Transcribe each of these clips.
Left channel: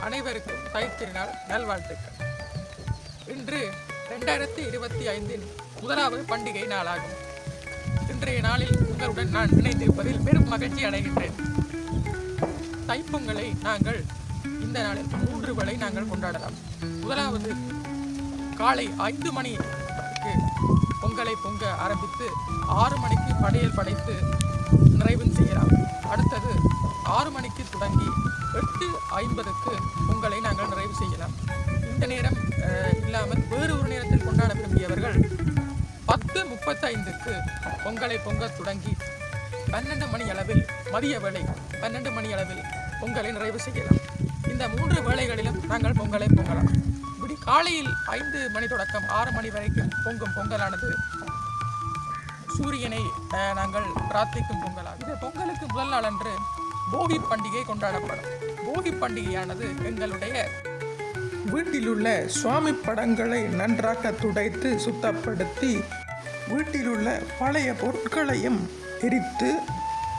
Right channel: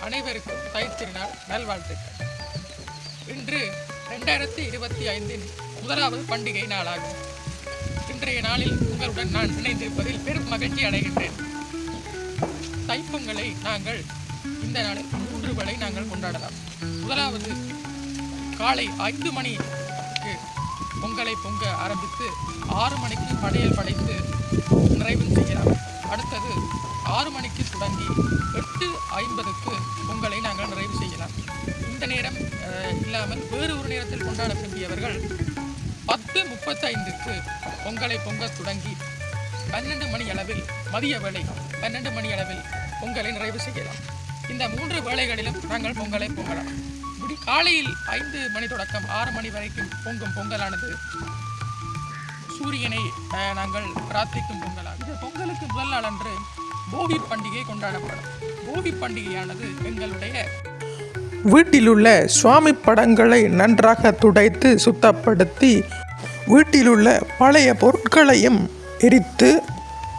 அனைவருக்கும் தைத்திருநாள் நல்வாழ்த்துக்கள். இன்று ரெண்டாயிரத்தி இருபத்தி ஐந்தின் முதலாவது பண்டிகை நாளாகும். இன்றைய நாளில் உங்களுடன் நான் இணைந்திருப்பதில் பெரும் மகிழ்ச்சி அடைகின்றேன். தைப்பொங்கலை நாங்கள் இந்த நாளில் மூன்று வரை நாங்கள் கொண்டாடலாம். முதலாவது காலை ஐந்து மணிக்கு பொங்கலை பொங்க ஆரம்பித்து ஆறு மணிக்கு படையல் படைத்து நிறைவு செய்யலாம். அடுத்தது ஆறு மணிக்கு தொடங்கி ஐம்பதுக்கு பொங்கலை நாங்கள் நிறைவு செய்யலாம். இந்த நேரம் இல்லாமல் வேறு ஒரு நேரத்தில் கொண்டாட விரும்பியவர்கள் பத்து முப்பத்தைந்துக்கு பொங்கலை பொங்க தொடங்கி பன்னெண்டு மணி அளவில் மதிய வேளை பன்னெண்டு மணி அளவில் பொங்கலை நிறைவு செய்யலாம். இந்த மூன்று வேளைகளிலும் நாங்கள் பொங்கலை பொங்கலாம். இப்படி காலையில் ஐந்து மணி தொடக்கம் ஆறு மணி வரைக்கும் பொங்கும் பொங்கலானது. சூரியனை அஹ், நாங்கள் பிரார்த்திக்கும் பொங்கலாக இந்த பொங்கலுக்கு முதல் நாள் அன்று போகி பண்டிகை கொண்டாடப்படும். போகி பண்டிகையானது எங்களுடைய வீட்டிலுள்ள சுவாமி படங்களை நன்றாக துடைத்து சுத்தப்படுத்தி வீட்டிலுள்ள பழைய பொருட்களையும் எரித்து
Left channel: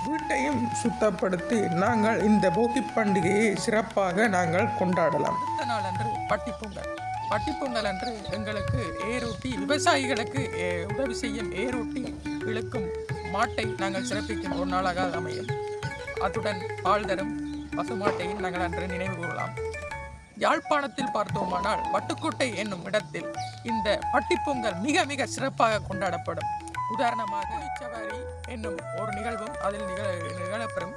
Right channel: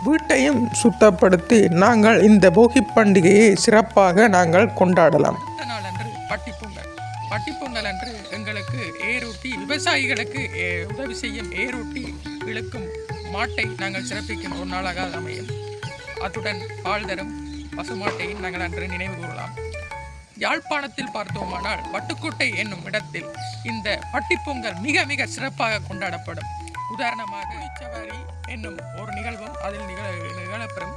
வீட்டையும் சுத்தப்படுத்தி நாங்கள் இந்த போகி பண்டிகையை சிறப்பாக நாங்கள் கொண்டாடலாம். அடுத்த நாள் அன்று பட்டிப்பொங்கல். பட்டிப்பொங்கல் அன்று எங்களுக்கு ஏரூட்டி விவசாயிகளுக்கு ஏ- உதவி செய்யும் ஏரூட்டி இழுக்கும் மாட்டை நாங்கள் சிறப்பிக்கும் ஒரு நாளாக அமையும். அத்துடன் பால் தரும் பசுமாட்டையும் நாங்கள் அன்று நினைவு கூறலாம். யாழ்ப்பாணத்தில் பார்த்தோமானால் வட்டுக்கோட்டை என்னும் இடத்தில் இந்த பட்டிப்பொங்கல் மிக மிக சிறப்பாக கொண்டாடப்படும். உதாரணமாக சவாரி என்னும் ஒரு நிகழ்வும் அதில் நிகழ நிகழப்பெறும்.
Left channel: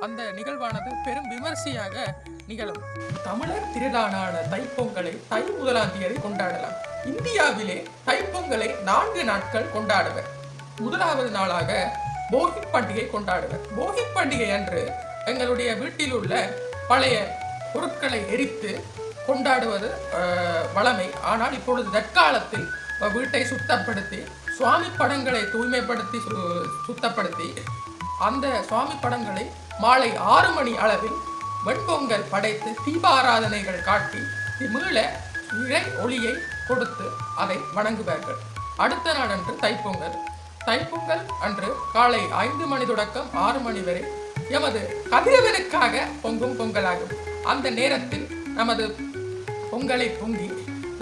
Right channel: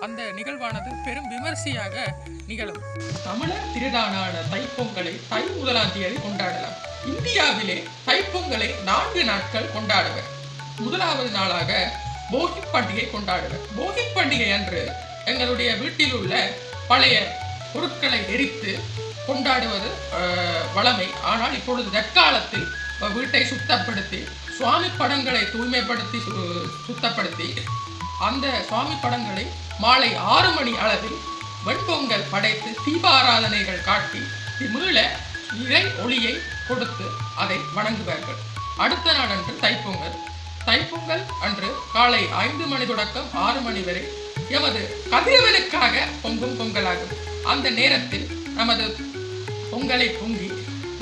அந்த நிகழ்வானது பெரும் விமர்சையாக நிகழும். தமிழர் திருநாளான தைப்பொங்கலை தை முதலாம் தேதி கொண்டாடலாம். இந்தியாவிலே தைப்பொங்கலை நான்கு நாட்கள் கொண்டாடுவர். முதலாவது நாளாக போகி பண்டிகை கொண்டாடுவர். போகி பண்டிகை அன்று எங்களுடைய வீட்டில் உள்ள பழைய பொருட்களை எரித்து கொண்டாடுவது வழமை. ஆனால் இப்பொழுது தற்காலத்தில் வீட்டை சுத்தப்படுத்தி சுவாமி படங்களை தூய்மைப்படுத்தி சு- சுத்தப்படுத்தி அந்த சுவாமி படங்களை மாலை ஆறு மணி அளவில் வெண்பொங்கல் படைத்து தீபாராதனைகள் காட்டி மீள இறை ஒளியை கொடுத்து அதை வணங்குவார்கள். அடுத்த நாள் அன்று தைப்பொங்கல். தைப்பொங்கல் அன்று காலை ஐந்து மணி தொடக்கம் ஆறு மணி வரை எமது கதிரவனுக்காக பொங்கும் பொங்கலாகும். அந்த நேரத்தில் நமது பொங்கலை பொங்கி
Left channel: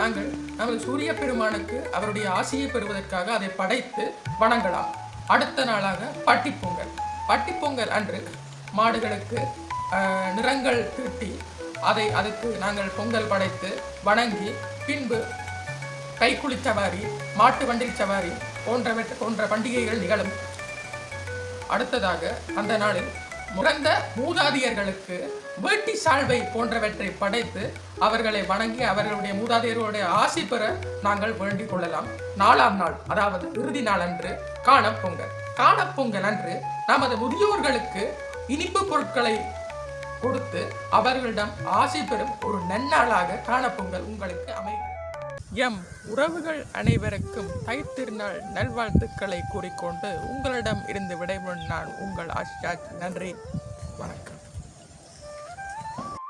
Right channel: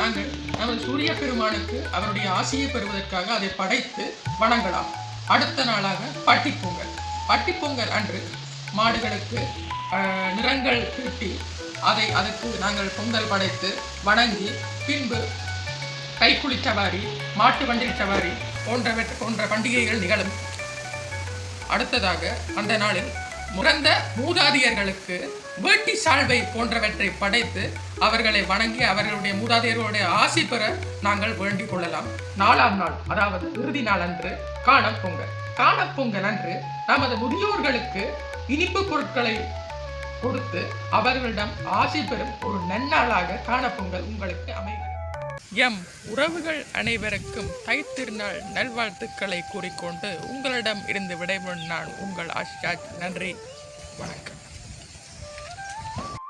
நாங்கள் நமது சூரிய பெருமானுக்கு அவருடைய ஆசையை பெறுவதற்காக அதை படைத்து வணங்கலாம். அடுத்த நாளாக பட்டிப்பொங்கல். பட்டிப்பொங்கல் அன்று மாடுகளுக்கு நிறங்கள் தீட்டி அதை அதுக்கு நாங்கள் பொங்கல் படைத்து வணங்கி பின்பு கைக்குழி சவாரி மாட்டு வண்டி சவாரி போன்றவற்ற போன்ற பண்டிகைகள் நிகழும். அடுத்ததாக அந்த நாளில் முறந்த மூதாதையர்களுக்கு வேட்டி சால்வை போன்றவற்றை படைத்து அவர்களை வணங்கி அவர்களுடைய மூதாதையர்களுடைய ஆசி பெற நாங்கள் வேண்டிக் கொள்ளலாம். நாலாம் நாள் அதாவது இறுதி நாள் அன்று காணப்பொங்கல் காணப்பொங்கல் அன்று நமது முதியோர்களுக்கு இனிப்பு பொருட்களை கொடுத்து அவர்களிடம் ஆசி பெறும் ஒரு நன்னாளாக காணப்பொங்கல் உங்களுக்கு அமையும் எம் உறவுகள் அனைவருக்கும் தைத்திருநாள் நல்வாழ்த்துக்களை கூறிக்கொண்டு உங்களிடம் இருந்து விடைபெறும் நான் உங்கள் ஆஷாஜ் நன்றி. வணக்கம்.